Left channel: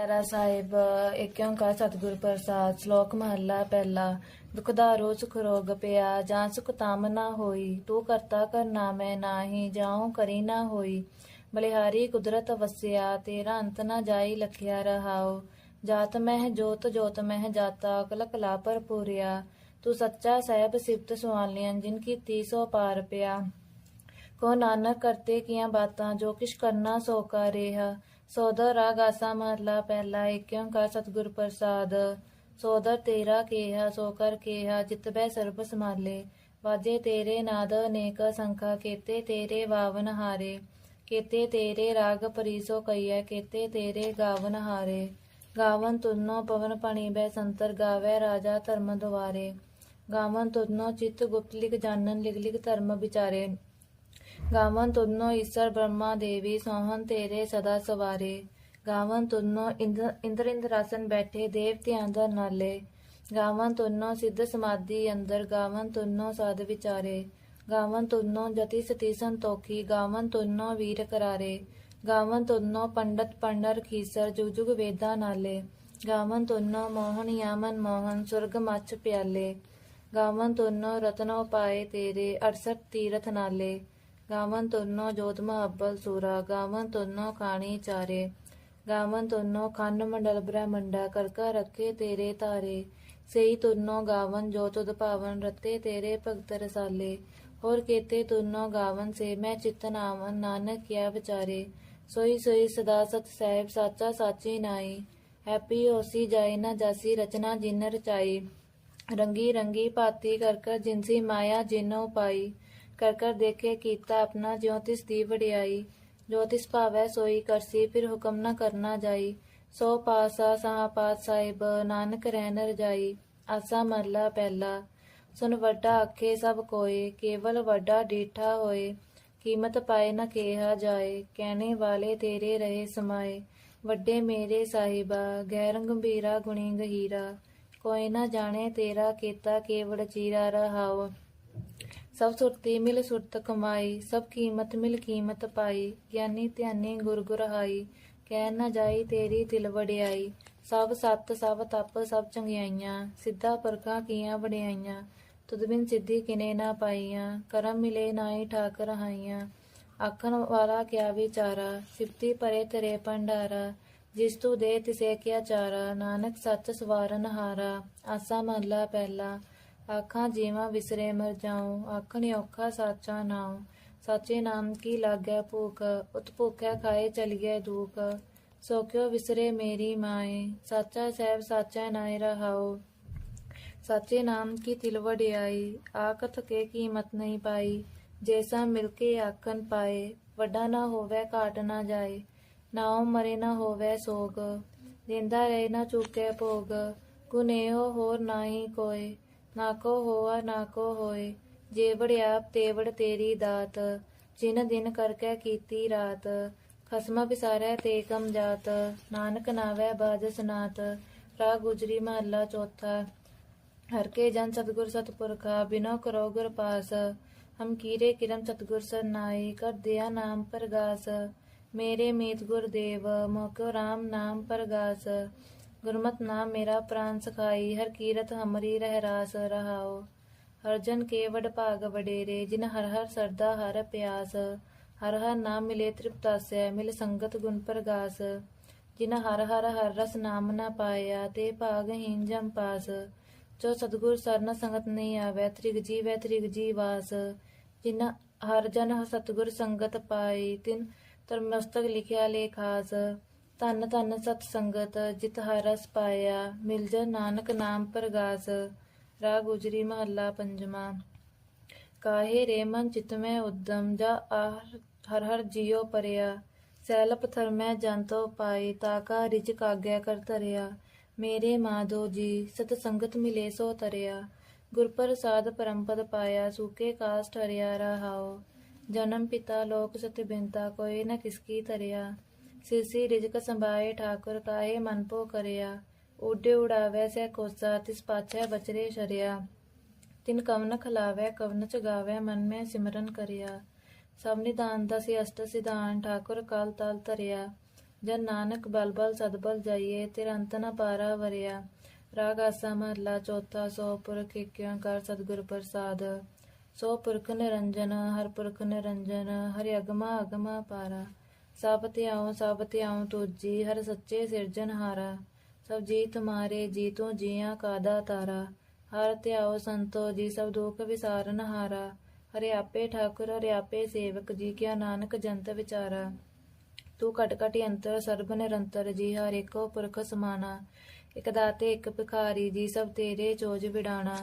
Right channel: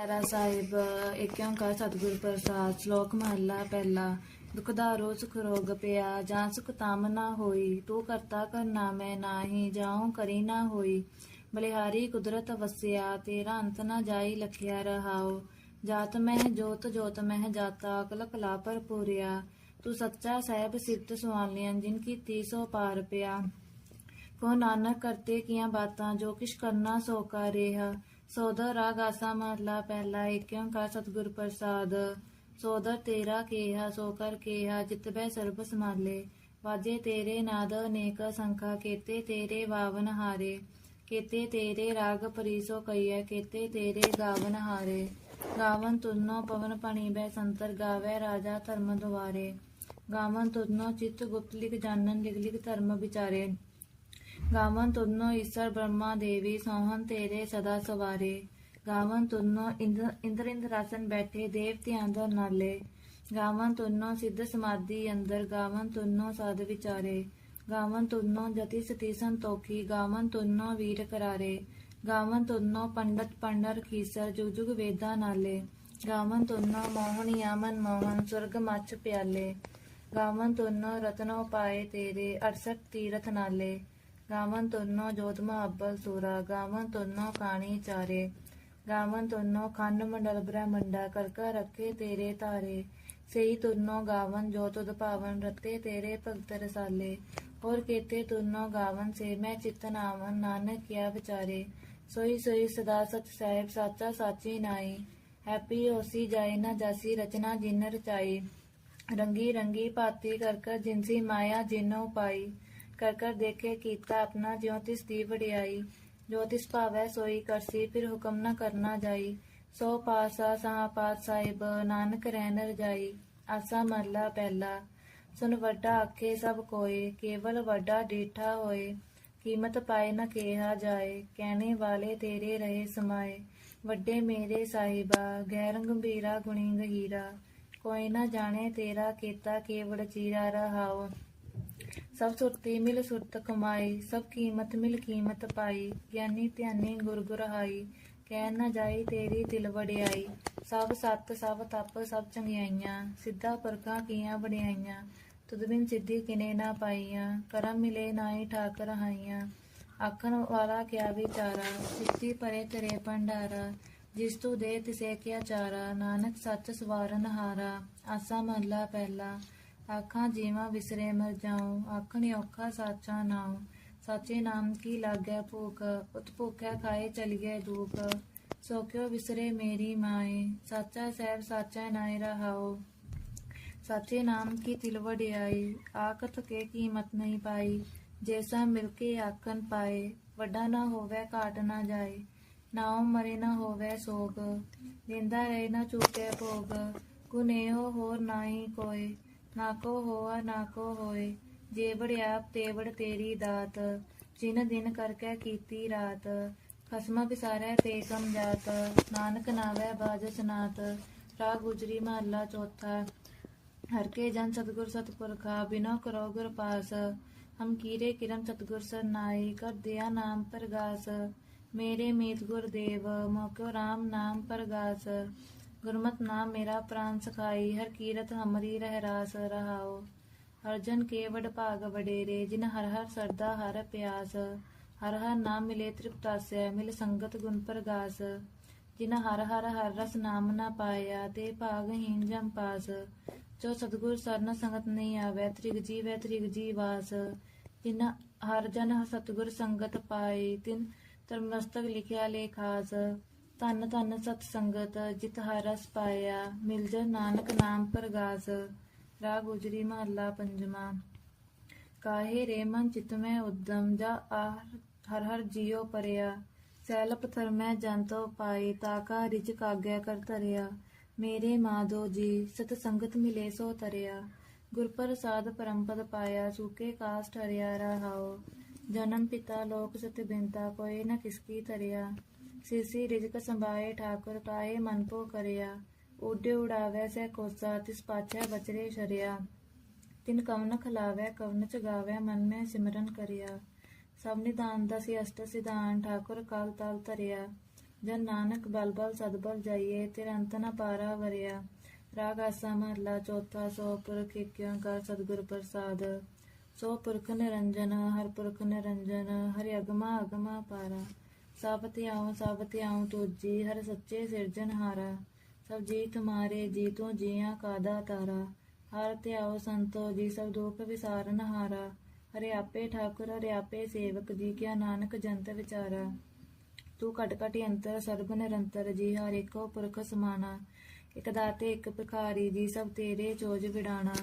ਪੈਰਾ ਸਾਹਿਬ ਏਕ ਓੰਕਾਰ ਸਤਿਗੁਰ ਪ੍ਰਸਾਦ, ਸ਼ਲੋਕ ਮਹੱਲਾ ਪਹਿਲਾ। ਦੁਖਦਾਰੋ ਸੁਖ ਰੋਗ ਪਿਆ, ਜਾਂ ਸੁਖ ਤਾਮ ਨਾ ਹੋਈ। ਤੂੰ ਕਰਤਾ ਕਰਨਾ ਮੈਂ ਨਾਹੀ ਜਾਉ ਕਰੀ ਨਾ ਹੋਈ। ਬਲਿਹਾਰੀ ਕੁਦਰਤ ਵਸਿਆ, ਤੇਰਾ ਅੰਤ ਨਾ ਜਾਈ ਲਖਿਆ ਰਹਾਓ ਜਾਤ ਮਹਿ ਜੋਤ ਜੋਤ ਮਹਿ ਜਾਤਾ ਕਲ ਕਲਾ ਭਰਪੂਰਿਆ। ਤੂੰ ਸੱਚਾ ਸਾਹਿਬ ਸਿਫਤ ਸੁਆਲਿਆਂ ਜਿਨ ਕੀ ਤੀਸੋ ਪਾਰ ਪਿਆ। ਕੋ ਨਾਨਕ ਕਰਤੇ ਕੀਆਂ ਬਾਤਾਂ, ਜੋ ਕਿਛ ਕਰਨਾ ਸੋ ਕਾ ਰੇਹਾ। ਸੋਦਰ ਰਾਗ ਆਸਾ ਮਹਲਾ ਪਹਿਲਾ ਏਕ ਓੰਕਾਰ ਸਤਿਗੁਰ ਪ੍ਰਸਾਦ। ਸੋਦਰ ਤੇਰਾ ਕੇਹਾ, ਸੋ ਕਰ ਕੇਹਾ, ਜਿਤ ਬੈ ਸਰਬ ਸਮਾਲੇ ਵਾਜੇ ਤੇਰੇ ਨਾਦ ਅਨੇਕ ਸੰਖਾ, ਕੇਤੇ ਤੇਰੇ ਵਾਵਨ ਹਾਰੇ। ਕੇਤੇ ਤੇਰੇ ਰਾਗ ਪਰੀਸੋ ਕਈਐ, ਕੇਤੇ ਤੇਰੇ ਗਾਵਨ ਹਾਰੇ। ਗਾਵਨ ਤੁਨੋ ਪਵਨ ਪਣੀ ਬੈ ਸੰਤਰ ਗਾਵੇ ਰਾਜਾ ਧਰਮ ਦੁਆਰੇ। ਗਾਵਨ ਤੁਨੋ ਚਿਤ ਗੁਪਤ ਲਿਖ ਜਾਣਨ, ਲਿਖ ਲਿਖ ਧਰਮ ਵਿਚਾਰੇ। ਗਾਵਨ ਤੁਨੋ ਈਸ਼ਰ ਬ੍ਰਹਮਾ ਦੇਵੀ, ਸੋਹਣ ਤੇਰੇ ਸਦਾ ਸਵਾਰੇ। ਗਾਵਨ ਤੁਨੋ ਇੰਦਰ ਇੰਦਰ ਇੰਦਰਾਸਨ ਬੈਠੇ ਦੇਵਤਿਆਂ ਦਾ ਨਾਲੇ। ਗਾਵਨ ਤੁਨੋ ਸਿੱਧ ਸਮਾਧੀ ਅੰਦਰ, ਗਾਵਨ ਤੁਨੋ ਸਾਧ ਵਿਚਾਰੇ। ਗਾਵਨ ਤੁਨੋ ਜਤੀ ਸਤੀਸਨ ਤੋਖੀ ਗਾਵਨ ਤੁਨੋ ਵੀਰ ਕਰਾਰੇ। ਗਾਵਨ ਤੁਨੋ ਪੰਡਤ ਪੰਡਰ ਖੀਸਰ, ਜੁਗ ਜੁਗ ਵੇਦਾਂ ਨਾਲੇ। ਗਾਵਨ ਤੁਨੋ ਮੋਹਨ ਯਾਮਨ ਮੋਹਨ, ਸੁਰਗ ਮੱਚ ਪਿਆਲੇ। ਗਾਵਨ ਤੁਨੋ ਰਤਨੋ ਪਾਏ ਤੇਰੇ 68 ਤੀਰਥ ਨਾਲੇ। ਗਾਵਨ ਤੁਨੋ ਜੋਤ ਮਹੱਬਲ ਸੂਰਾ, ਗਾਵਨ ਤੁਨੋ ਕਾਣੀ ਚਾਰੇ, ਗਾਵਨ ਤੁਨੋ ਖੰਡ ਮੰਡਲ ਬ੍ਰਹਮੰਡਾ, ਕਰਕਾ ਰੱਖੇ ਤੇਰੇ ਧਾਰੇ, ਸਈ ਤੁਨੋ ਗਾਵਨ ਜੋ ਤੁਧ ਭਾਵਨ ਰਤੇ ਤੇਰੇ ਭਗਤ ਰਸਾਲੇ, ਹੋਰ ਕੇਤੇ ਤੁਨੋ ਗਾਵਨ ਸੇ ਮੈਂ ਚਿਤ ਨਾਵਨ, ਨਾਨਕ ਕਿਆ ਵਿਚਾਰੇ, ਸੋਈ ਸੋਈ ਸਦਾ ਸਤ ਸਹਿਬ ਸਾਚਾ ਸਾਚੀ ਨਾਈ, ਹੈਪੀ ਹੋਸੀ ਜਾਏ ਨਾ ਜਾਸੀ ਰਚਨਾ ਜਿਨ ਰਚਾਈ, ਰੰਗੀ ਰੰਗੀ ਭਾਤੀ ਕਰ ਕਰ ਜਿਨਸੀ ਮਾਇਆ ਜਿਨੋ ਪਾਈ ਕਰ ਕਰ ਦੇਖੇ ਕੀਤਾ ਆਪਣਾ, ਜਿਉ ਦੀ ਵਡਿਆਈ, ਜੋ ਭਾਵੈ ਸੋਈ ਕਰਸੀ, ਫਿਰ ਹੁਕਮ ਨਾ ਕਰਨਾ ਜਾਈ। ਸੋ ਪਾਸਾ ਸਹਾ ਪਾਤ ਸਾਹਿਬ, ਨਾਨਕ ਰਹਿਨ ਰਜਾਈ ਆਸਾ ਮਰਲਾ ਪਹਿਲਾ। ਸੁਨ ਵੱਡਾ ਆਖੇ ਸਭ ਕੋਏ, ਕੇਵਲ ਵੱਡਾ ਡੀਠਾ ਹੋਏ। ਕੀਮਤ ਪਾਏ ਨਾ ਕਿਹਾ ਜਾਏ, ਕਹਿਣੇ ਵਾਲੇ ਤੇਰੇ ਰਹੇ ਸਮਾਏ। ਵੱਡੇ ਮੇਰੇ ਸਾਹਿਬਾ, ਗੈਰ ਗੰਭੀਰਾ ਗੁਣੀ ਗਹੀਰਾ। ਕੋਈ ਨਾ ਜਾਣੇ ਤੇਰਾ ਕੀਤਾ ਕੇਵੜ ਚੀਰਾ ਰਹਾਉ। ਸਭ ਸੁਰਤੀ ਮਿਲ ਸੁਰਤ ਕਮਾਈ, ਸਭ ਕੀਮਤ ਮਿਲ ਕੀਮਤ ਪਾਈ, ਗਿਆਨੀ ਧਿਆਨੀ ਗੁਰ ਗੁਰਹਾਈ, ਕਹਿ ਨਾ ਜਾਈ ਤੇਰੀ ਦਿਲ ਵਡਿਆਈ, ਸਭ ਸਤ ਸਭ ਤਪ ਸਭ ਚੰਗਿਆਈਆਂ, ਸਿੱਧਾ ਪਰਖਾਂ ਕੀਆਂ ਵਡਿਆਈਆਂ, ਤੁਧ ਬਿਨ ਸਿੱਧੀ ਕਿਨੇ ਨਾ ਪਾਈਆਂ, ਕਰਮ ਮਿਲੇ ਨਾਹੀ ਠਾਕ ਰਹਾਈਆਂ ਆਖਣ ਵਾਲਾ ਕਿਆ ਵਿਚਾਰਾ, ਸਿੱਧੀ ਪਰੇ ਤੇਰੇ ਭੰਡਾਰਾ, ਜਿਸ ਤੂੰ ਦੇ ਤਿਸੇ ਕਿਆ ਚਾਰਾ, ਨਾਨਕ ਸੱਚ ਸਵਾਰਨ ਹਾਰਾ, ਆਸਾ ਮਹਲਾ ਪਹਿਲਾ ਆਖਾਂ ਜੀਵਾਂ ਵਿਸਰੇ ਮਰ ਜਾਉ ਆਖਣ ਔਖਾ ਸਾਚਾ ਨਾਉ। ਸਾਚੇ ਨਾਮ ਕੀ ਲਾਗੈ ਭੂਖ ਉਤ ਭੁਖੈ ਖਾਏ ਚਲੀਐ ਦੁਖ ਸੋ ਕਿਉ ਵਿਸਰੇ ਮੇਰੀ ਮਾਏ, ਸਾਚਾ ਸਹਿਬ ਸਾਚਾ ਨਾਇ ਰਹਾਉ। ਸਾਚੇ ਨਾਮ ਕੀ ਤਿਲ ਵਡਿਆਈ ਕੇ ਕੀਮਤ ਨਹੀਂ ਪਾਈ। ਜੈਸਾ ਮਿਲ ਕੇ ਆਖਣ ਪਾਏ, ਵੱਡਾ ਨਾ ਹੋਵੇ ਘਾਟ ਨਾ ਜਾਏ। ਨਾਉ ਮਰੇ ਨਾ ਹੋਵੇ ਸੋਗ ਦਿੰਦਾ ਰਹੇ ਨਾ ਚੂਕੇ ਭੋਗ। ਗੁਨੇਹੋ ਹੋਰ ਨਾਹੀ ਕੋਏ ਨਾ ਕੋ ਹੋਆ, ਨਾ ਕੋ ਹੋਏ, ਜੇ ਵੜਿਆਪ ਤੇਵੜ ਤੇਰੀ ਦਾਤ, ਜਿਨ ਦਿਨ ਕਰਕੇ ਕੀਤੀ ਰਾਤ, ਖਸਮਾ ਵਿਸਾਰੈ ਤੇ ਕਮ ਜਾਤ, ਨਾਨਕ ਨਾਵੈ ਬਾਜ ਸਨਾਤ ਰਾ ਗੁਜਰੀ ਮਹੱਲਾ ਚੌਥਾ। ਹਰ ਕੇ ਜਨ ਸਤਗੁਰ ਸਤਪੁਰਖਾ, ਬਿਨੋ ਕਰੋ ਗੁਰ ਪਾਸ, ਹਮ ਕੀਰੇ ਕਿਰਮ ਸਤਗੁਰ ਸਰਨਾਈ, ਕਰ ਦਿਆ ਨਾਮ ਪ੍ਰਗਾਸ, ਮੇਰੇ ਮੀਤ ਗੁਰਦੇਵ ਮੋਕਿਓ RAM ਨਾਮ ਪ੍ਰਗਾਸ। ਗੁਰਮਤਿ ਨਾਮ ਮੇਰਾ ਪ੍ਰਾਨ ਸਖਾਈ, ਹਰ ਕੀਰਤ ਹਮਰੀ ਰਹਿ ਰਾਸ ਰਹਾਓ ਹਰ ਜਨ ਕੇ ਵਡ ਭਾਗ ਵਡੇਰੇ, ਜਿਨ ਹਰ ਹਰ ਸਰਦਾ ਹਰ ਪਿਆਸ। ਹਰ ਹਰ ਨਾਮ ਮਿਲੇ ਤ੍ਰਿਪਤਾਸੈ ਮਿਲ ਸੰਗਤ ਗੁਣ ਪ੍ਰਗਾਸ। ਜਿਨ ਹਰ ਹਰ ਹਰ ਰਸ ਨਾਮ ਨਾ ਪਾਇਆ, ਤੇ ਭਾਗਹੀਨ ਜਮ ਪਾਸ। ਜੋ ਸਤਗੁਰ ਸਰਨ ਸੰਗਤ ਨਹੀਂ ਆਵੈ, ਤ੍ਰਿਗ ਜੀਵੈ ਤ੍ਰਿਗ ਜੀਵਾਸ ਜਿਨ ਹਰ ਜਨ ਸਤਗੁਰ ਸੰਗਤ ਪਾਈ ਤਿਨ ਤਰਮਸਤਕ ਲਿਖਿਆ ਲੇਖਾਸ। ਧੰਨ ਧੰਨ ਸਤ ਸੰਗਤ, ਜਿਤ ਹਰਸ ਪਾਇਆ, ਮਿਲ ਜਾ ਨਾਨਕ ਨਾਮ ਪ੍ਰਗਾਸ ਰਾ ਗੁਜਰੀ ਮਹੱਲਾ ਪੰਜਵਾਂ। ਕਾਹੇ ਰੇ ਮਨ ਚਿਤ ਮੈਂ ਉਦਮ, ਜਾ ਆਹ ਹਰ ਹਰ ਜੀਉ ਪਰਿਆ। ਸੈਲ ਪਥਰ ਮੈਂ ਜੰਤੋ ਪਾਈ ਤਾਕਾ ਰਿਜ ਕਾਗਿਆ ਕਰ ਧਰਿਆ। ਮੇਰੇ ਮਾਧੋ ਜੀ, ਸਤ ਸੰਗਤ ਮਿਲੇ ਸੋ ਤਰਿਆ। ਗੁਰ ਪ੍ਰਸਾਦ ਪਰਮਪਦ ਪਾਇਆ, ਸੂਕੇ ਕਾਸ ਠਰਿਆ ਰਹਾਓ ਜਨਮ ਪਿਤਾ ਲੋਕ ਸਤ ਬਿੰਤਾ ਕੋਈ ਨਾ ਕਿਸਕੀ ਤਰਿਆ ਸਿਰਸੀ ਰਿਜਕ ਸੰਭਾਏ, ਠਾਕੁਰ ਕਾਹੇ ਮਨ ਪੋ ਕਰਿਆ। ਉਡੇ ਉਡਾਵੈ ਸੈ ਕੋਸਾ, ਤਿਸ ਪਾਛੈ ਬਚਰੇ ਤਿਨ ਕਵਨ ਖਲਾਵੈ, ਕਵਨ ਚ ਗਾਵੈ ਮਨ ਮੈਂ ਸਿਮਰਨ ਕਰਿਆ। ਸਭ ਨਿਦਾਨ ਦਾ ਸੀ ਅਸ਼ਟ ਸਿਧਾਨ, ਠਾਕੁਰ ਕਲ ਤਲ ਧਰਿਆ। ਜਨ ਨਾਨਕ ਬਲ ਬਲ ਸਦਬਲ ਜਾਈਏ, ਤੇਰਾ ਅੰਤ ਨ ਪਾਰਾ ਵਰਿਆ। ਰਾਗ ਆਸਾ ਮਹਲਾ ਚੌਥਾ, ਸੋ ਪੁਰਖ ਏਕ ਕਰ ਸਤਿਗੁਰ ਪ੍ਰਸਾਦ। ਸੋ ਪੁਰਖ ਨਿਰੰਜਨ, ਹਰ ਪੁਰਖ ਨਿਰੰਜਨ, ਹਰਿ ਅਗਮਾ ਅਗਮਾ ਪਾਰਾ। ਸਭ ਧਿਆਉ ਸਭ ਧਿਆਉ ਤੁਜੀ ਹਰ ਸੱਚੇ ਸਿਰਜਣਹਾਰਾ ਸਭ ਜੀ ਤੁਮਾਰੇ ਜੀ ਤੂੰ ਜੀਆਂ ਕਾਦਾ ਤਾਰਾ। ਹਰ ਧਿਆਉ ਸੰਤੋ ਜੀ, ਸਭ ਦੁਖ ਵਿਸਾਰਨ ਹਾਰਾ। ਹਰਿ ਆਪੇ ਠਾਕੁਰ, ਹਰਿ ਆਪੇ ਸੇਵਕ, ਜੀ ਕਿਆ ਨਾਨਕ ਜੰਤ ਵਿਚਾਰਾ। ਤੂੰ ਘਟ ਘਟ ਅੰਤਰ, ਸਰਬ ਨਿਰੰਤਰ ਜੀ, ਹਰ ਏਕੋ ਪੁਰਖ ਸਮਾਨਾ। ਇਕ ਦਾਤੇ, ਇਕ ਭਿਖਾਰੀ ਜੀ, ਸਭ ਤੇਰੇ ਚੋਜ ਵਿਡਾਣਾ।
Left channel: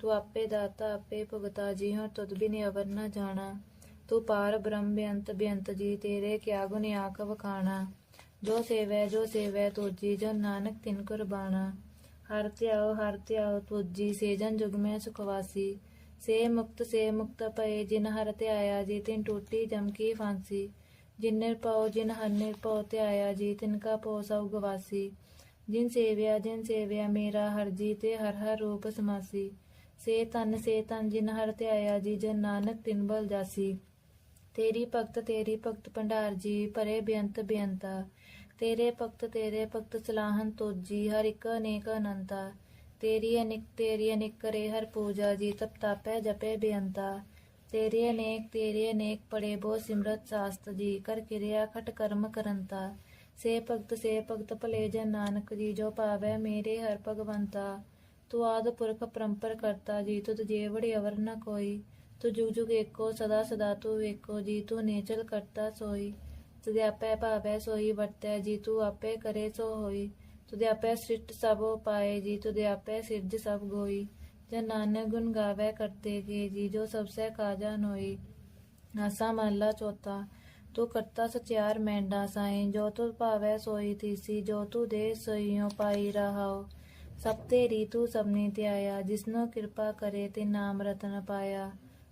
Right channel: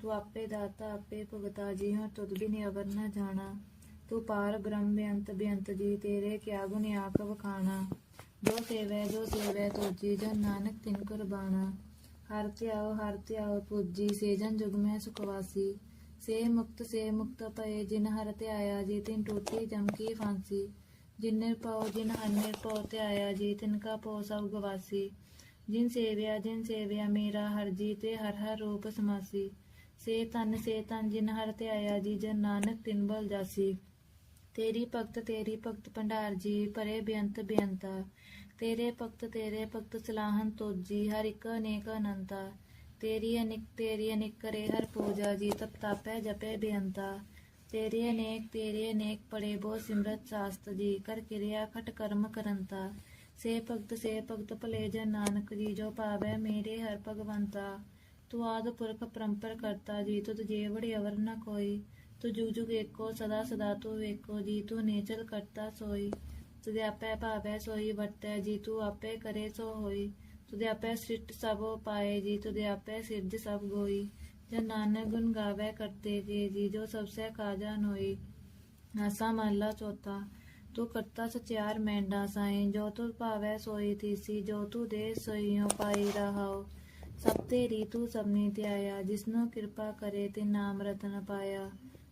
ਤੂੰ ਆਪੇ ਦਾਤਾ, ਆਪੇ ਭੁਗਤਾ ਜੀ ਹਾਂ ਤੁਧ ਬਿਨ ਅਵਰ ਨ ਜਾਣਾ। ਤੂੰ ਪਾਰ ਬ੍ਰਹਮ ਬੇਅੰਤ ਬੇਅੰਤ ਜੀ, ਤੇਰੇ ਕਿਆ ਗੁਣ ਆਖ ਵਖਾਣਾ। ਜੋ ਸੇਵੈ ਜੋ ਸੇਵੈ ਤੁਜੀ ਜਨ ਨਾਨਕ ਤਿਨ ਕੁਰਬਾਣਾ। ਹਰ ਧਿਆਓ ਹਰ ਧਿਆਓ ਤੁਜੀ ਸੇਜਨ ਜੁਗ ਮੈਂ ਸੁਖਵਾਸੀ ਸੇ ਮੁਕਤ ਸੇ ਮੁਕਤ ਪਏ ਜਿਨ ਹਰ ਧਿਆਇਆ, ਜੀ ਤਿਨ ਟੂਟੀ ਜਮਕੀ ਫਾਂਸੀ। ਜਿਨ ਨਿਰਭਉ, ਜਿਨ ਹਰ ਨਿਰਭਉ ਧਿਆਇਆ, ਜੀ ਤਿਨ ਕਾ ਪੋ ਸਭ ਗਵਾਸੀ। ਜਿਨ ਸੇਵਿਆ ਜਿਨ ਸੇਵਿਆ ਮੇਰਾ ਹਰ ਜੀ, ਤੇ ਹਰ ਹਰ ਰੂਪ ਸਮਾਸੀ। ਸੇ ਤਨ ਸੇ ਤਨ ਜਿਨ ਹਰ ਧਿਆਇਆ, ਜੀ, ਜਨ ਨਾਨਕ ਤਿਨ ਬਲ ਜਾਸੀ। ਤੇਰੀ ਭਗਤ ਤੇਰੀ ਭਗਤ ਭੰਡਾਰ ਜੀ ਭਰੇ ਬੇਅੰਤ, ਬੇਅੰਤਾ। ਤੇਰੇ ਭਗਤ ਤੇਰੇ ਭਗਤ ਸਲਾਹਨ ਤੋਜੀ, ਹਰ ਇੱਕ ਅਨੇਕ ਅਨੰਤਾ। ਤੇਰੀ ਅਨਿਕ, ਤੇਰੀ ਅਨੇਕ ਕਰੇ ਹਰ ਪੂਜਾ ਜੀ, ਤਪ ਤਾਪੈ, ਜਪੈ, ਬੇਅੰਤਾ। ਤੇਰੇ ਅਨੇਕ ਤੇਰੇ ਅਨੇਕ ਪੜੇ ਬੋ ਸਿਮਰਤ ਸਾਸਤ ਜੀ, ਕਰ ਕਿਰਿਆ ਖਟ ਕਰਮ ਕਰੰਤਾ। ਸੇ ਭਗਤ ਸੇ ਭਗਤ ਭਲੇ ਜਨ ਨਾਨਕ ਜੀ, ਜੋ ਪਾਵੈ ਮੇਰੇ ਹਰ ਭਗਵੰਤਾ। ਤੂੰ ਆਦ ਪੁਰਖ ਪਰੰਪਰ ਕਰਤਾ ਜੀ, ਤੁਧ ਜੇਵੜ ਅਵਰ ਨ ਕੋਈ। ਤੂੰ ਜੁਗ ਜੁਗ ਏਕੋ, ਸਦਾ ਸਦਾ ਤੂੰ ਏਕੋ ਜੀ ਤੂੰ ਨੇਚਲ ਕਰਤਾ ਸੋਈ। ਤੁਦੇ ਆਪੇ ਭਾਵੈ ਸੋਈ, ਵਰਤੈ ਜੀ ਤੂੰ ਆਪੇ ਕਰੇ ਸੋ ਹੋਈ। ਤੁਦੇ ਆਪੇ ਸ੍ਰਿਸ਼ਟ ਸਭ ਪਾਏ, ਜੀ ਤੁਦੇ ਆਪੇ ਸਿਰਜ ਸਭ ਗੋਈ। ਜਨ ਨਾਨਕ ਗੁਣ ਗਾਵੇ ਕਰਤੇ ਕੇ ਜੀ ਜੋ ਸਭ ਸੇ ਕਾਜਾ ਨੋਈ। ਆਸਾ ਮਹਲਾ ਚੌਥਾ, ਤੂੰ ਕਰਤਾ ਸਚਿਆਰ ਮੈਂਡਾ ਸਾਈ। ਜੋ ਤੂੰ ਭਾਵੈ ਸੋਈ ਤੀਸੀ, ਜੋ ਤੂੰ ਦੇ ਸੋਈਓ ਪਾਈ ਰਹਾਓ ਸਭ ਤੇਰੀ ਤੂੰ ਸਭਨੀ ਧਿਆਇਆ, ਜਿਸਨੋ ਕਿਰਪਾ ਕਰੇ ਤੇ ਨਾਮ ਰਤਨ ਪਾਇਆ।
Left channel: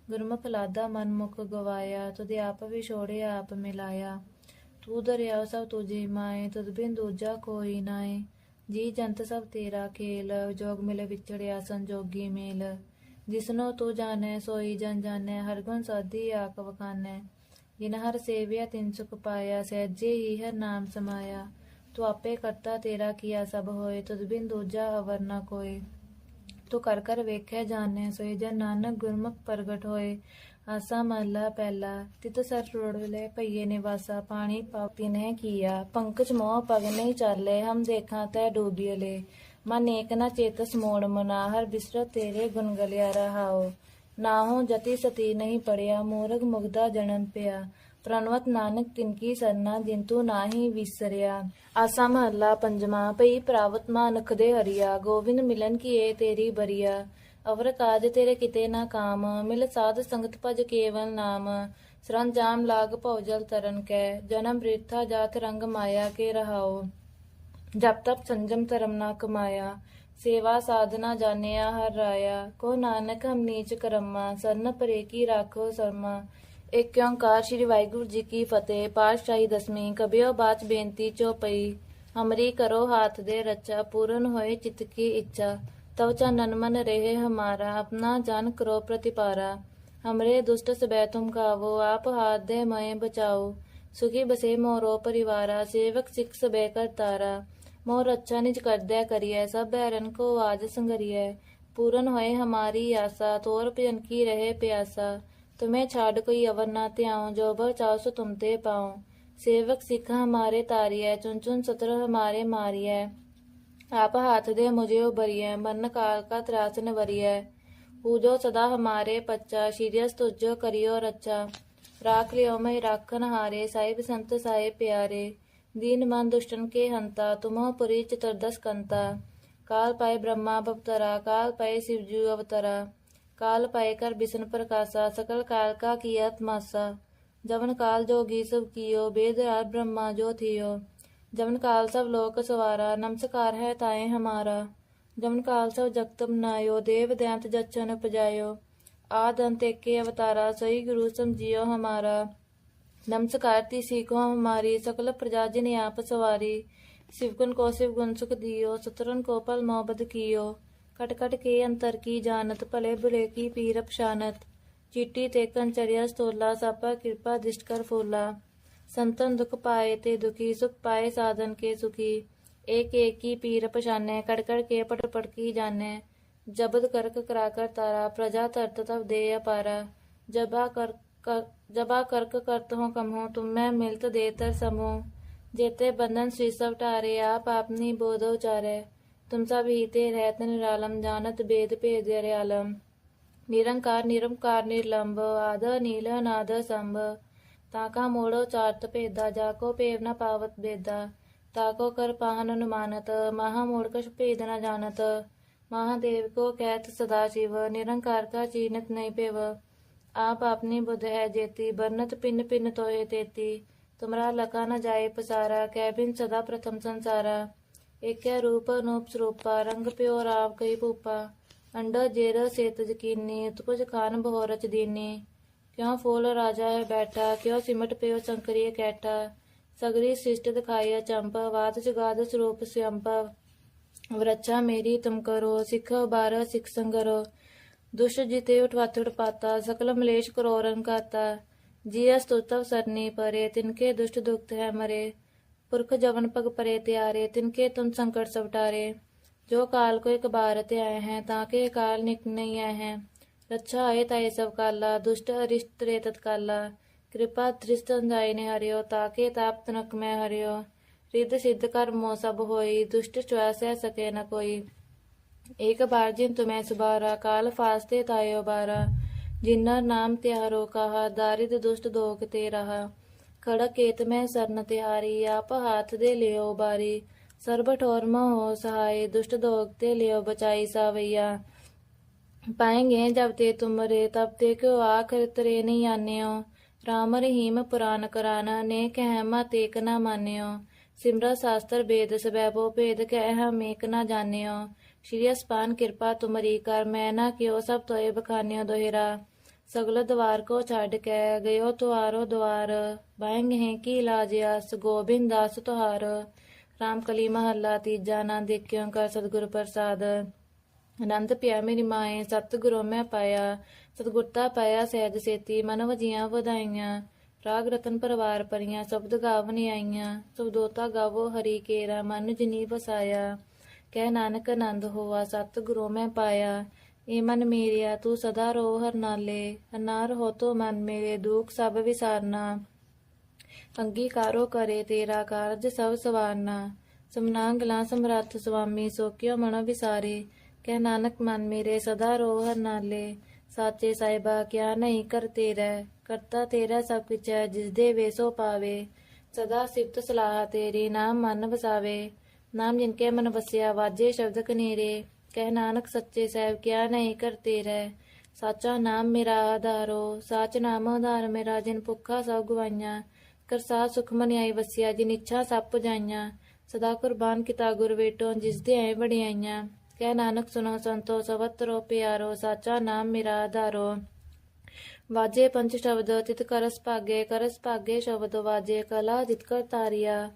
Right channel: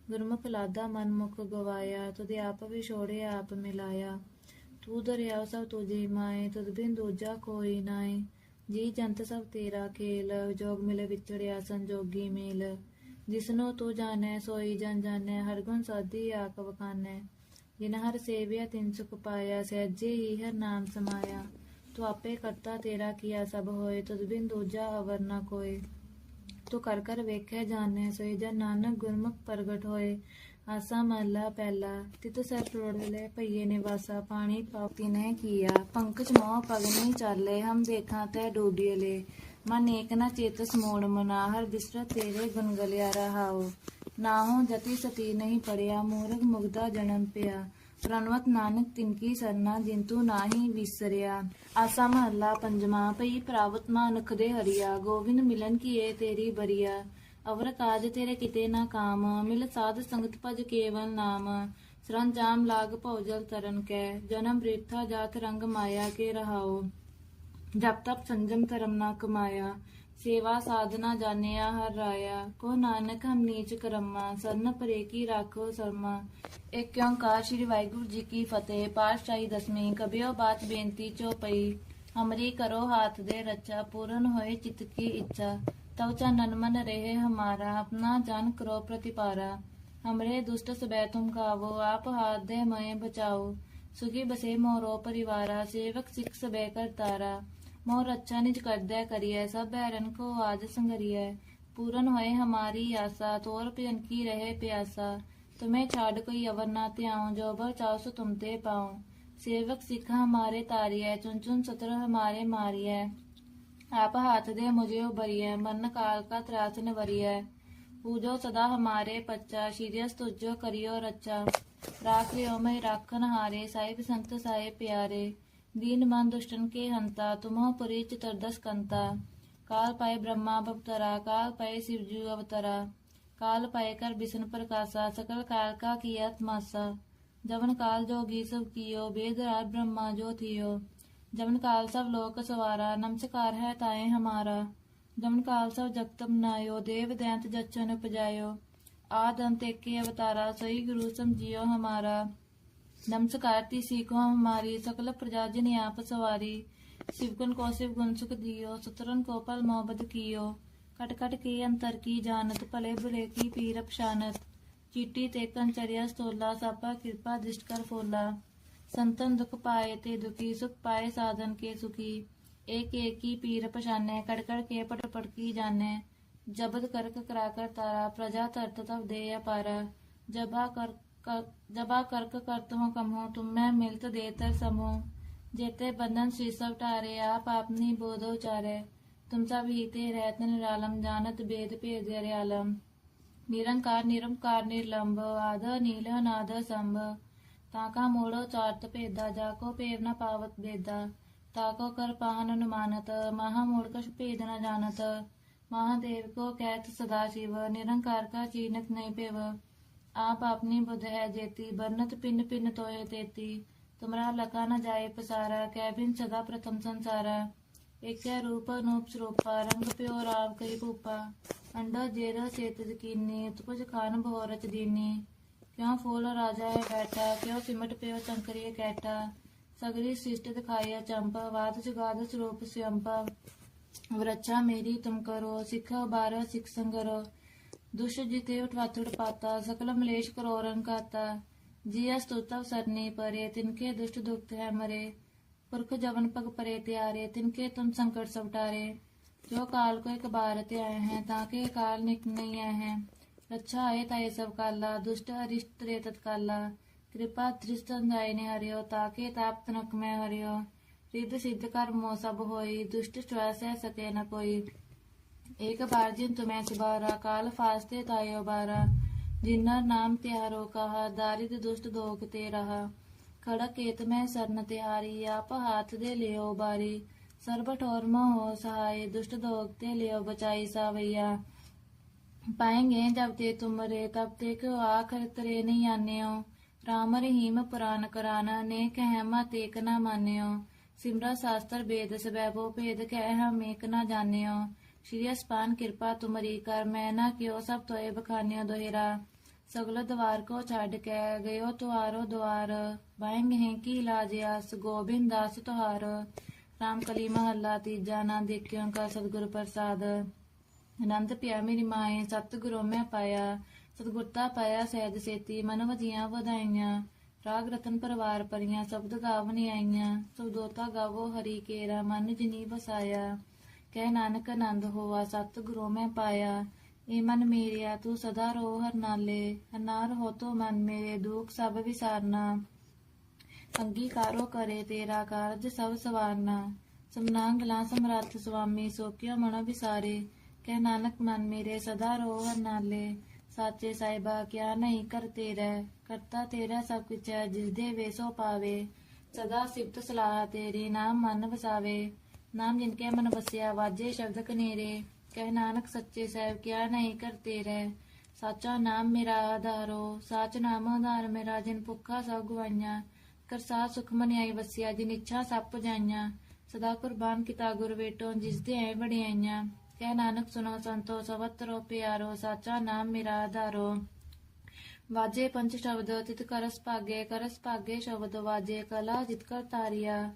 ਗੁਰਮੁਖ ਲਾਦਾ ਮਨ ਮੁਖ ਗਵਾਇਆ ਤੁਦੇ ਆਪ ਵਿਛੋੜੇ ਆਪ ਮਿਲਾਇਆ। ਤੂੰ ਦਰਿਆ ਸਭ ਤੁਝੇ ਮਾਏ, ਤੁਧ ਬਿਨ ਦੂਜਾ ਕੋਈ ਨਾਏ। ਜੀ ਜੰਤ ਸਭ ਤੇਰਾ ਖੇਲ, ਜੋਗ ਮਿਲੇ ਵਿਚੜਿਆ ਸੰਜੋਗੀ ਮੇਲ। ਜਿਸਨੋ ਤੂੰ ਜਾਣੈ, ਸੋਈ ਜਨ ਜਾਣੈ, ਹਰ ਗੁਣ ਸਾਧੀ ਆਕ ਵਖਾਨੈ। ਜਿਨ ਹਰ ਸੇਵਿਆ, ਤਿਨ ਸੁਖ ਪਾਇਆ, ਸਹਿਜੇ ਹੀ ਹਰ ਨਾਮ ਸਮਾਇਆ। ਤੂੰ ਆਪੇ ਕਰਤਾ ਤੇਰਾ ਕੀਆ ਸਭ ਹੋਏ, ਤੁਧ ਬਿਨ ਦੂਜਾ ਅਵਰ ਨਾ ਕੋਏ। ਤੂੰ ਕਰ ਕਰ ਵੇਖਿਆ ਜਾਣੈ ਸੋਈ ਜਨ ਨਾਨਕ ਗੁਰਮੁਖ ਪ੍ਰਗਟ ਹੋਏ। ਆਸਾ ਮਹਲਾ ਪਹਿਲਾ ਤਿਤ ਸਰ ਰੋੜਲੇ ਭਈਏ ਨਿਵਾਸਾ, ਪਾਣੀ ਪਾਪਤੀ ਨੇ ਕੀਆ। ਪੰਕਜ ਮੋਹ ਪਗ ਨਹੀਂ ਚਾਲੇ, ਹਮ ਦੇਖਾਂ ਤੈ ਡੂਬੀਲੇ ਮਨ ਏਕ ਨਾ ਚੇਤਸ ਮੋੜ ਮਨਾ, ਹਰ ਬਿਸਰਤ ਤੇਰੇ ਗੁਣ ਗਲਿਆ ਰਹਾਓ ਨਾਹੋ ਜਤੀ ਸਤੀ ਨਹੀਂ ਪੜਿਆ, ਮੂਰਖ ਮੁਗਦਾ ਜਨਮ ਪਿਆ। ਪ੍ਰਣਵਤ ਨਾਨਕ ਤਿਨਕੀ ਸਰਨਾ ਜਿੰਤੂ ਨਾਹੀ ਵਿਸਰਿਆ। ਆਸਾ ਮਹੱਲਾ ਪੰਜਵਾਂ ਪਈ ਪ੍ਰਾਵਤ ਮਾਨਕ ਦੇ ਹਰੀਆ ਗੋਬਿੰਦ ਮਿਲਨ ਕੀਏ ਤੇਰੀ ਬਰੀਆ। ਅਵਰ ਕਾਜ ਤੇਰੇ ਕਿਤੇ ਨਾ ਕਾਮ, ਮਿਲ ਸਾਧ ਸੰਗਤ ਭਜ ਕੇਵਲ ਨਾਮ। ਸਰੰਜਾਮ ਲਾਗ ਭਉਜਲ ਤਰਨ ਕੈ, ਜਨਮ ਬ੍ਰਿਥਾ ਜਾਤ ਰੰਗ ਮਾਇਆ ਕੇ ਰਹਾਓ ਜਪ ਤਪ ਸੰਜਮ ਧਰਮ ਨਾ ਕਮਾਇਆ। ਸੇਵਾ ਸਾਧਨਾ ਜਾਣਿਆ ਹਰ ਰਾਇਆ ਕੋ ਨਾਨਕ ਨੀਚ ਕਰਮਾ, ਸਰਨ ਪਰੇ ਕੀ ਰਾਖੋ ਸਰਮਾ। ਇੱਕ ਓੰਕਾਰ ਸ੍ਰੀ ਵਾਹਿਗੁਰੂ ਜੀ ਕੀ ਫਤਿਹ, ਪਾਤਸ਼ਾਹੀ ਦਸਵੀਂ ਕਬਿਓ ਬਾਤ ਬੇਨਤੀ ਚੋਪਈ ਹਮਰੀ ਕਰੋ ਹਾਥ ਦੇ ਰਚਾ, ਪੂਰਨ ਹੋਏ ਚਿਤ ਕੀ ਇੱਛਾ। ਤਵਚਾ ਨਨਮਨ ਰਹੇ ਹਮਾਰਾ, ਆਪਣਾ ਜਨ ਕਰੋ ਪ੍ਰਤੀਪਾਰਾ। ਹਮਰੇ ਦੁਸ਼ਟ ਸਬੈ ਤੁਮ ਕਾਵੋ, ਆਪ ਹਾਥ ਦੇ ਮਏ ਬਚਾਓ। ਸੁਖੀ ਬਸੇ ਮੋਰੋ ਪਰਿਵਾਰਾ, ਸੇਵਕ ਸਿੱਖ ਸਬੈ ਕਰਤਾਰਾ। मोर अच्छा निज करदे करिए सब बैरन को आज संगरिए पूरन होए हमारी आशा तोर भजन की रहे प्यासा, तुम्हें छाड़ कोई अवर ना त्याऊं, जो बर चाहो सो तुम ते पाऊँ। सेवक सिख हमारे तारिय, चुन चुन सत्र हमारे मारिय। आप हाथ दे मुझे उबरिय मन काल का त्रास न वरिय। पूजो सदा हमारे पच्चा शीरियस तुझो करियो रच्चा। राख लियो मैं राखन हारे साहिब संत साहिब प्यारे। दीनमान दुष्टन के हंता तुमह पुरीच तरदस कंता काल पाए ब्रह्मा अवतरा काल पाए शिवजू अवतरा काल पाए कर विष्णु प्रकाशा सकल काल का किया तमाशा जवन काल जोगी सब कियो बेदरार ब्रह्मा जो थियो जवन काल सब लोक सवारा नमस्कार है ताए हमारा जवन काल सब जगत बनायो देव दंत जचन उपजायो आदंत एके अवतारा सही गुरु समझियो हमारा नमस्कार ती सीखो हमारी, सकल प्रजाजन आप सवारी। शिवगुन को शिव गुण सुख दियो सुतरन को पल मोहब्बत कियो। कट कट के अंतर की जानत भले बुले की पीर पशानत चिट्टी ते कंचरिया स्तोला सापा कृपा दृष्ट कर फूला। संतन दुख पाए ते दुखी, सुख पाए साधन के सुखी। एक एक की पीर पशाने कड़कड़ के पट पट की जाने। जबद करक कराकर तारा, प्रजा तरत तब दे पारा जबा कर जबा कर्क करत हूँ कम हूँ तुम्हें मिलत देतर समूह जेते बंधन श्री सब टारे आप आपनी बोधो चारे तुमसा भीते रहत निरालम जानत भेद भेद आलम निरंकार निरंकार निर्लंब आद नील नाद संभ ताका मोड़ो चार्त भेदा जाको पेर न पावत भेदा ताको कर पाहन अनुमानत महा मूर्ख भेद न जानत महादेव को कहत सदा शिव निरंकार का चीनत नहीं पेव आप अपनी बुध है जेती बरनत पिन पिन तोहे तेती ਤੁਮਰਾ ਲਕਾ ਨ ਜਾਏ ਪਸਾਰਾ ਕੈ ਬਿਨ ਸਦਾ ਪ੍ਰਥਮ ਸੰਸਾਰਾ ਏਕੈ ਰੂਪ ਅਨੂਪ ਸਰੂਪਾ ਰੰਗ ਪਿਓ ਰਾਵ ਕਈ ਭੂਪਾ ਅੰਡਾ ਜੇਰ ਸੇਤ ਜਕੀਨੀ ਉਤਪਜ ਖਾਨ ਬਹੁ ਰਚ ਦੀਨੀ ਕਿਉ ਫੂਲ ਰਾਜਾ ਹੈ ਬੈਠਾ ਕਿਉ ਸਿਮਟ ਪਿਓ ਚੰਕਰੀ ਕੈਟਾ ਸਗਰੀ ਸ੍ਰਿਸ਼ਟ ਦਿਖਾਈ ਚੰਪਾ ਵਾਤ ਜਗਾਦ ਸਰੂਪ ਸਿਅੰਪਾ ਵਰਚਾ ਮੇਰੀ ਤੁਮ ਕਰੋ ਸਿੱਖ ਬਾਰ ਸਿੱਖ ਸੰਗਰੋ ਦੁਸ਼ ਜਿਤੇ ਉਠਵਾਤੜ ਪਾਤਾ ਸਕਲ ਮਲੇਸ਼ ਕਰੋ ਰੰਕਾਤਾ जिय स्तुतव सरनी परे तिनके दुष्ट दुख है मरे पुरख जवन पग परे त्यारे तिनके तुम संकट सवटारे जो काल को एक बार ते आए हैं ताके काल निक नहीं आए हैं रक्षा आए ताए सब काला दुष्ट अरिष्ट रे तत्काला कृपा धृष्ट अंजाई ने हरियो ताके ताप तनक में हरियो रिद सिद्ध कर मो सब होई दुष्ट चुआ सह सके न कोई एक बार जिन तुम्हें सुबारा काल फास्ते तायो बारा ਜਿਨ੍ਹਾਂ ਨਾਮ ਤਿਹਾਰੋ ਕਹਾ ਦਾਰਿਦ ਦੁਸ਼ਟ ਦੋਖ ਤੇ ਰਹਾ ਖੜਕ ਕੇਤ ਮੈਂ ਸਰਨ ਤਿਹਾਰੀ ਆਪ ਹਾਥ ਦੇ ਲਿਓ ਬਾਰੀ ਸਰਬ ਠੋਰ ਮੋ ਸਹਾਈ ਦੁਸ਼ਟ ਦੋਖ ਤੇ ਲਿਓ ਬਚਾਈ ਸਾਵਈਆ ਪਾਏਂਗੇ ਜਬ ਤੇ ਤੁਮਰੇ ਤਬ ਤੇ ਕਿਉ ਆਖਰ ਤਰੇ ਨਹੀਂ ਆਨਿਓ ਰਾਮ ਰਹੀਮ ਪੁਰਾਨ ਕਰਾਨਾ ਨੇ ਕਹਿ ਮਤ ਏਕ ਨਾ ਮਾਨਿਓ ਸਿਮਰਾ ਸ਼ਾਸਤਰ ਵੇਦ ਸਬੈਬੋ ਭੇਦ ਕਹਿ ਹਮ ਏਕ ਨਾ ਜਾਣਿਓ ਸ਼੍ਰੀ ਅਸਪਾਨ ਕਿਰਪਾ ਤੁਮਰੀ ਕਰ, ਮੈਂ ਨਾ ਕਿਉ ਸਭ ਤੋਏ ਬਖਾਨਿਓ ਦੋਹਿਰਾ ਸਗਲ ਦਵਾਰ ਕੋ ਛੱਡ ਕੇ ਗਇਓ ਤੁਆਰੋ ਦਵਾਰ। ਬਾਹੰਗ ਹੈ ਕੀ ਲਾਜਿਆਸ ਗੋਬਿੰਦ ਦਾਸ ਤੁਹਾਰ। ਰਾਮ ਕਲੀ ਮਹੱਲਾ ਤੀਜਾ, ਨਾ ਦੇਖਿਓ ਕਰ ਸਤਿਗੁਰ ਪ੍ਰਸਾਦ। ਆਨੰਦ ਪਿਆ ਮੇਰੀ ਮਾਏ, ਸਤਿਗੁਰੂ ਮੈਂ ਪਾਇਆ। ਸਤਿਗੁਰਤਾ ਪਾਇਆ ਸਹਿਜ ਸੇਤੀ, ਮਨ ਵਜੀਆਂ ਵਧਾਈਆਂ। ਰਾਗ ਰਤਨ ਪਰਵਾਰ ਪਰੀਆਂ, ਸ਼ਬਦ ਗਾਵਨ ਆਈਆਂ ਸੁਬਦੋਤਾ ਗਾਵੋ ਹਰੀ ਕੇਰਾ, ਮਨ ਜਿਨੀ ਬਸਾਇਆ ਕਹਿ ਨਾਨਕ ਆਨੰਦ ਹੋਵਾ ਸਤਿਗੁਰੂ ਮੈਂ ਪਾਇਆ। ਏ ਮਨ ਮੇਰਿਆ, ਤੂੰ ਸਦਾ ਰੋ ਹਰ ਨਾਲੇ। ਹਨਾਰ ਹੋ ਤੋ ਮਨ ਮੇਰੇ, ਦੁਖ ਸਭ ਵਿਸਾਰਨਾ। ਅੰਗੀਕਾਰੋ ਕਰੇ ਤੇਰਾ ਕਾਰਜ ਸਭ ਸਵਾਰਨਾ। ਸਮਨਾੰਗਲਾ ਸਮਰੱਥ ਸੁਆਮੀ, ਸੋਕਿਓ ਮਨ ਵਿਸਾਰੇ। ਕਹਿ ਨਾਨਕ ਮਨ ਮੇਰੇ, ਸਦਾ ਰੋ ਹਰ ਨਾਲੇ। ਸਾਚੇ ਸਾਹਿਬਾ, ਕਿਆ ਨਹੀਂ ਕਰਤੇ ਰਹਿ ਕਰਤਾ ਤੇਰਾ ਸਭ ਕੁਛ ਹੈ ਜਿਸ ਦੇ ਵੇਸੋ ਪਾਵੇ। ਸਦਾ ਸਿਫਤ ਸਲਾਹ ਤੇਰੀ ਨਾਮ ਮਨ ਵਸਾਵੇ। ਨਾਮ ਜਿਨ ਕੇ ਮਨ ਵਸਿਆ, ਵਾਜੇ ਸ਼ਬਦ ਕਨੇਰੇ, ਕਹਿ ਨਾਨਕ ਸੱਚੇ ਸਾਹਿਬ ਕਿਆ ਨਹੀਂ ਕਰਤੇ ਰਹਿ। ਸਾਚਾ ਨਾਮ ਮੇਰਾ ਆਧਾਰੋ, ਸਾਚ ਨਾਮ ਆਧਾਰ ਮੇਰਾ, ਜਿਨ ਭੁੱਖਾ ਸਭ ਗਵਾਈਆਂ। ਕਰਸਾ ਸੁਖ ਮਨਿਆਈ ਵਸਿਆ, ਜਿਨ ਇੱਛਾ ਸਭ ਪੁਜਾਈਆਂ ਸਦਾ ਕੁਰਬਾਨ ਕੀਤਾ ਗੁਰ ਵੇਟੋ, ਜਿਸ ਦੇ ਐ ਵਡਿਆਈਆਂ। ਕਹਿ ਨਾਨਕ ਸੁਨੋ ਸੰਤੋ, ਸਵਤਰੋ ਪਿਆਰੋ, ਸਾਚਾ ਨਾਮ ਮੇਰਾ ਆਧਾਰੋ। ਵਾਜੇ ਪੰਜ ਸ਼ਬਦ, ਤਿਤ ਕਰਸ ਭਾਗੇ ਕਰਸ ਭਾਗੇ ਸ਼ਬਦ ਵਾਜੇ, ਕਲਾ ਜਿਤ ਕਰ ਤਾਰਿਆ।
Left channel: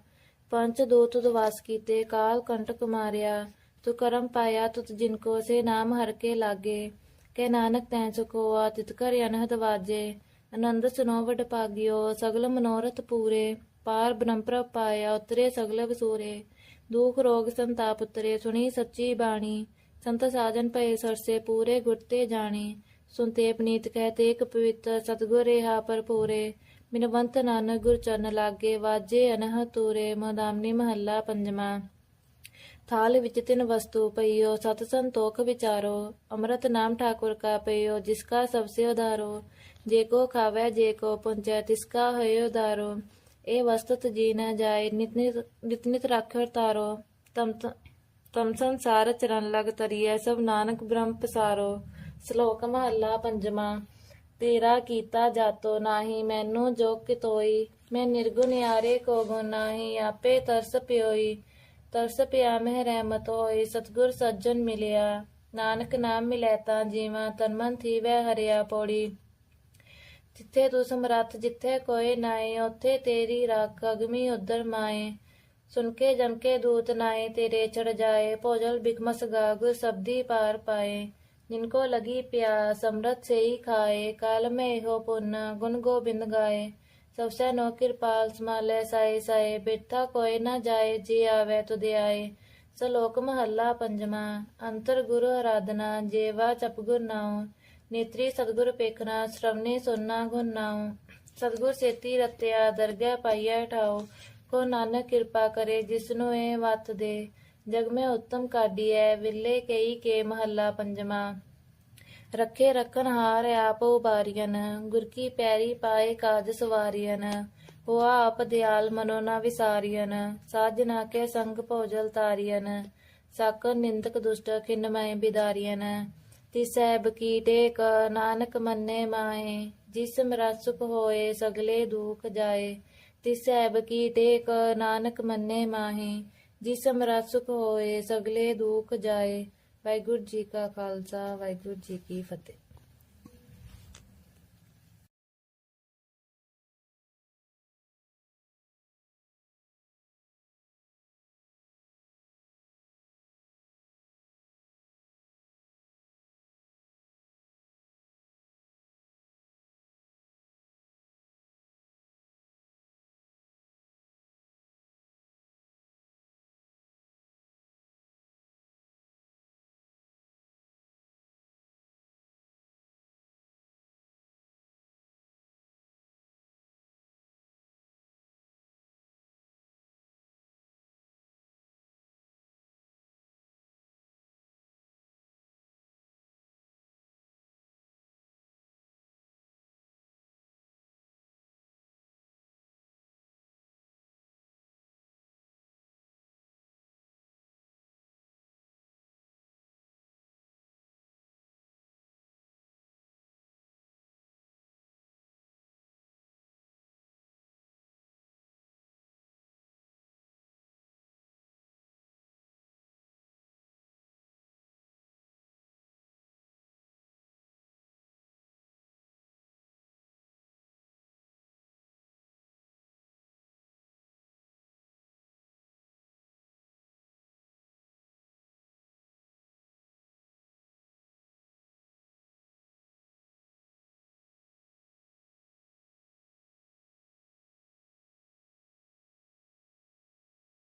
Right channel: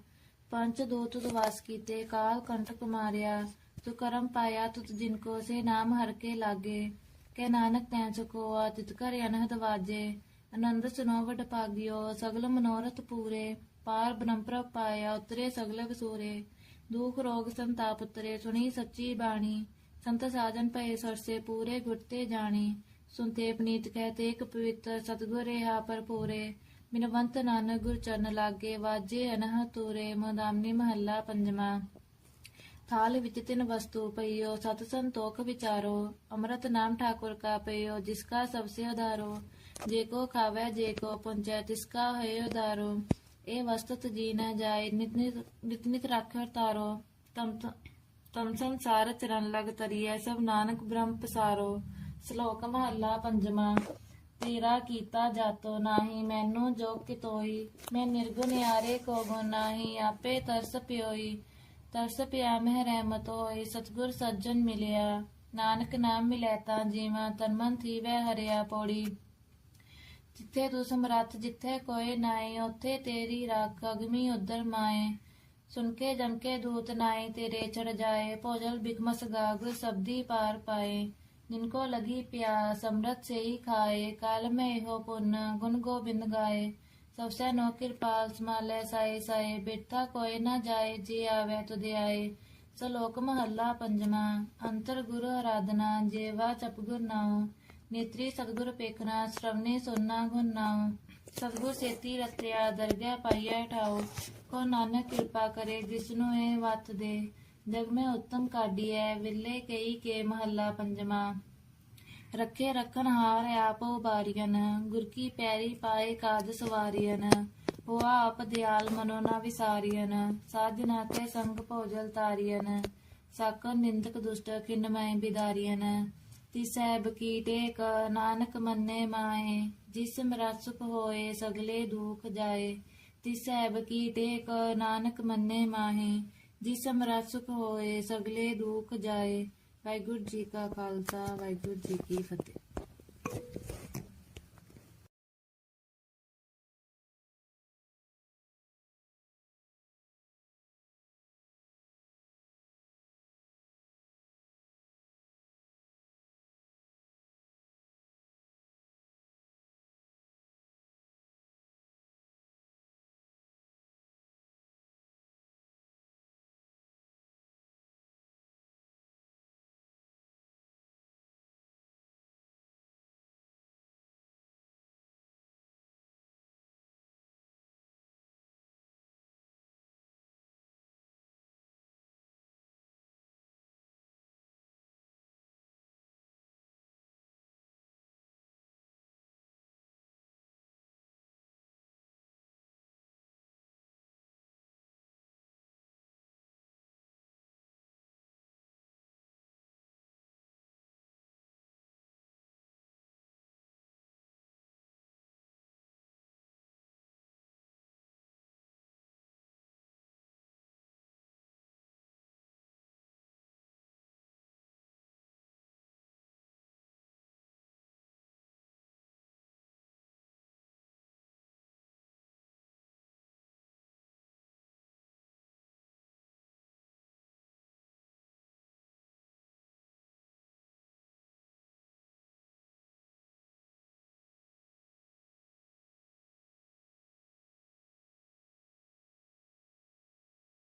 ਪੰਚ ਦੂਤ ਦੁਵਾਸ ਕੀਤੇ, ਕਾਲ ਕੰਟਕ ਮਾਰਿਆ, ਤੂੰ ਕਰਮ ਪਾਇਆ ਤੁਤ ਜਿਨ ਕੋ, ਸੇ ਨਾਮ ਹਰ ਕੇ ਲਾਗੇ। ਕਹਿ ਨਾਨਕ ਤੈਂ ਚੁਕੋਆ, ਤਿਤ ਕਰ ਅਨਹਦ ਵਾਜੇ। ਆਨੰਦ ਸੁਨੋ ਵਡ ਸਗਲ ਮਨੋਰਥ ਪੂਰੇ। ਪਾਰ ਬ੍ਰਹਮ ਪਾਇਆ, ਉਤਰੇ ਸਗਲ ਵਸੂਰੇ। ਦੁਖ ਰੋਗ ਸੰਤਾਪ ਉਤਰੇ, ਸੁਣੀ ਸੱਚੀ ਬਾਣੀ। ਸੰਤ ਸਾਜਨ ਪਏ ਸਰਸੇ, ਪੂਰੇ ਗੁਰਤੇ ਜਾਣੀ। ਸੁਨਤੇ ਪਨੀਤ ਕਹਤੇ ਇੱਕ ਪਵਿੱਤਰ, ਸਤਗੁਰ ਰਹਾ ਪਰ ਪੂਰੇ ਨਾਨਕ ਗੁਰ ਚਰਨ ਲਾਗੇ, ਵਾਜੇ ਅਨਹ ਤੂਰੇ, ਮਦਾਮਨੀ ਮਹੱਲਾ ਪੰਜਵਾਂ। ਥਾਲ ਵਿੱਚ ਤਿੰਨ ਵਸਤੂ ਪਈਓ, ਸਤ ਸੰਤੋਖ ਵਿਚਾਰੋ, ਅੰਮ੍ਰਿਤ ਨਾਮ ਠਾਕੁਰ ਕਾ ਪਈਓ, ਜਿਸ ਕਾ ਸਭ ਸੇ ਉਧਾਰੋ, ਜੇ ਕੋ ਖਾਵੇ, ਜੇ ਕੋ ਪੁੰਚੈ, ਤਿਸ ਕਾ ਹੈ ਉਧਾਰੋ। ਇਹ ਵਸਤਤ ਜੀ ਨ ਜਾਏ, ਨਿਤ ਨਿਤ ਨਿਤ ਨਿਤ ਰਾਖਰ ਤਾਰੋ ਤਮ ਤਮ ਸੰਸਾਰ ਚਰਨ ਲਗ ਤਰੀਐ, ਸਭ ਨਾਨਕ ਬ੍ਰਹਮ ਪਸਾਰੋ। ਸ਼ਲੋਕ ਮਹੱਲਾ ਪੰਜਵਾਂ। ਤੇਰਾ ਕੀਤਾ ਜਾਤੋ ਨਾਹੀ, ਮੈਨੂੰ ਜੋ ਕਿਤੋਈ, ਮੈਂ ਨਿਰਗੁਣ ਯਾਰੇ ਕੋ ਗੁਣ ਨਾਹੀ, ਆਪੇ ਤਰਸ ਪਿਓਈ, ਤਰਸ ਪਿਆ ਮਹਿ ਰਹਿਮਤ ਹੋਈ, ਸਤਗੁਰ ਸੱਜਣ ਮਿਲਿਆ, ਨਾਨਕ ਨਾਮ ਮਿਲੈ ਤਾਂ ਜੀਵਾਂ ਤਨ ਮਨ ਥੀਵੈ ਹਰਿਆ ਪੌੜੀ। ਜਿੱਥੇ ਤੂੰ ਸਮਰੱਥ ਜਿੱਥੇ ਕੋਈ ਨਾਏ ਉੱਥੇ ਤੇਰੀ ਰੱਖ ਅਗਮੀ ਉਦਰ ਮਾਏ। ਸੁਨ ਕੇ ਜਨ ਕੇ ਦੂਤ ਨਾਏ ਤੇਰੇ ਚੜ ਜਾਏ, ਭੋਜਲ ਬਿਕਮਸ ਗਾਗ ਸਬਦੀ ਪਾਰ ਪਾਏ। जिनको लगी प्यास अमृत से ही खाए काल में हो पुण्य गुण गोबिंद गाए ਸਭ ਸੈਨੋ ਕਿਰਪਾਲ ਸਮਾਲੇ ਸਾਏ ਸਾਏ ਬੈਠਾ ਕੋਈ ਨਾ ਜਾਏ ਜੀ ਆਵੇ ਤੁਧ ਆਏ ਸਲੋਕ ਮਹੱਲਾ ਪੰਜਵਾਂ ਅੰਤਰ ਗੁਰੂ ਆਰਾਧਨਾ ਜੇਵਾ ਚਪ ਗੁਰ ਨਾਉ ਨੇਤਰੀ ਸਤਗੁਰ ਪੇਖਣਾ ਸ਼ਰਵਨੇ ਸੁਨਣਾ ਗੁਣ ਨਾਉ ਸਤਗੁਰ ਸੇਤੀ ਰਤਿਆ ਦਰਗਹਿ ਪਾਈਐ ਠਾਉ ਕੋ ਨਾਨਕ ਕਿਰਪਾ ਕਰੇ ਜਿਸਨੂੰ ਇਹ ਵਤ ਦੇ ਜਗ ਮੈਂ ਉੱਤਮ ਕਾਢੀਐ ਵਿਲੇ ਕਈ ਕੇ ਮਹੱਲਾ ਪੰਜਵਾਂ। ਰੱਖੇ ਰਖਨ ਹਾਰ ਆਪ ਉਬਾਰੀਨ ਗੁਰ ਕੀ ਪੈਰੀ ਪਾਏ ਕਾਜ ਸਵਾਰੀਨ ਉਹ ਆਪ ਦਿਆਲ ਮਨੋ ਨਾ ਵਿਸਾਰੀਨ ਸਾਜਨਾ ਕੇ ਸੰਗ ਭੋਜਲ ਤਾਰੀਨ ਸਾਕਰ ਨਿੰਦਕ ਦੁਸ਼ਟ ਖਿਨ ਮੈਂ ਬਿਦਾਰੀਨ ਤਿਸੈਬ ਕੀ ਟੇਕ, ਨਾਨਕ ਮੰਨੇ ਮਾਏ। ਜਿਸ ਮਰਾ ਹੋਏ, ਸਗਲੇ ਦੁਖ ਜਾਏ। ਤਿਸੈਬ ਕੀ ਟੇਕ, ਨਾਨਕ ਮੰਨੇ ਮਾਹੀ। ਜਿਸ ਮਰਾ ਸੁਖ ਹੋਏ, ਸਗਲੇ ਦੁਖ ਜਾਏ। ਵਾਹਿਗੁਰੂ ਜੀ ਕਾ ਖਾਲਸਾ, ਵਾਹਿਗੁਰੂ ਜੀ ਕੀ ਫਤਿਹ।